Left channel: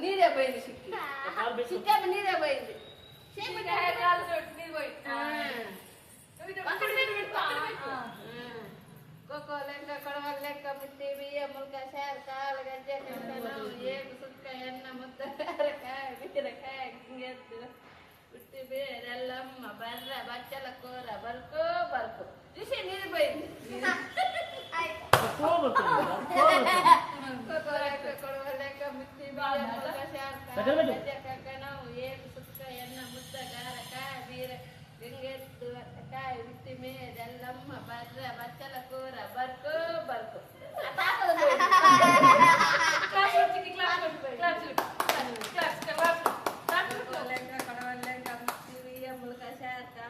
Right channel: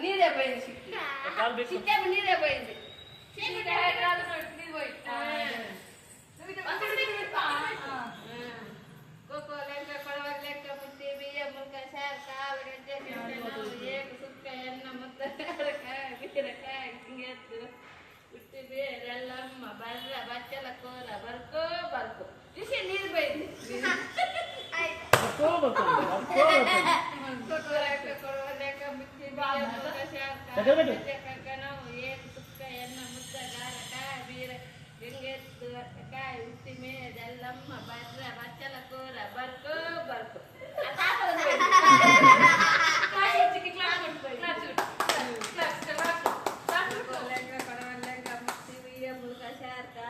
ನೀರೇ ಬೈದು ಸಿಕ್ಕ ನೀರೇ ಬೈದು ನೀರು ಹೋಯ್ತು ಕೊಕ್ಕೋ ಲೆಕ್ಕ ಕೊಡವಾಗ ಲೆಕ್ಕ ಮುಟ್ಟಿ ಬಿಯ್ಯ ಮುಲ್ಕ ಶಾರ್ ಕಾಲು ಗಜ್ಜೆ ಏಕು ಸುಕ್ಕ ಎಣ್ಣೆ ಮುತ್ತ ಬೀರಕಾಯಿ ಹಿಂಗೆತ್ತು ಬಿಟ್ಟಿದೆ ಎಲ್ಲಮ್ಮ ಬರ್ರ ಬಚ್ಚಲ ಕೋರ ಬರ್ಕೋ ಬರ್ಕೋ ಬಿಸಿ ನೀರು ಬೈದು ಕೊಡುವ ಲೆಕ್ಕ ಮುಟ್ಟಿ ಬಿಯ್ಯ ಮುಲ್ಕ ಶಾರ್ ಕಾಲು ಗಜ್ಜೆ ಕಕ್ಕನವು ಏಕು ಸುಕ್ಕ ಎಣ್ಣೆ ಮುತ್ತ ಗಾರಕಾಯಿ ಬೀರ ಹಿಂಗೆತ್ತು ಕಾಯಿ ಹುಟ್ಟಿ ಮೇದೆಲ್ಲಮ್ಮ ಬರ್ರ ಬಚ್ಚಲ ಕೋರ ಬರ್ಕೋ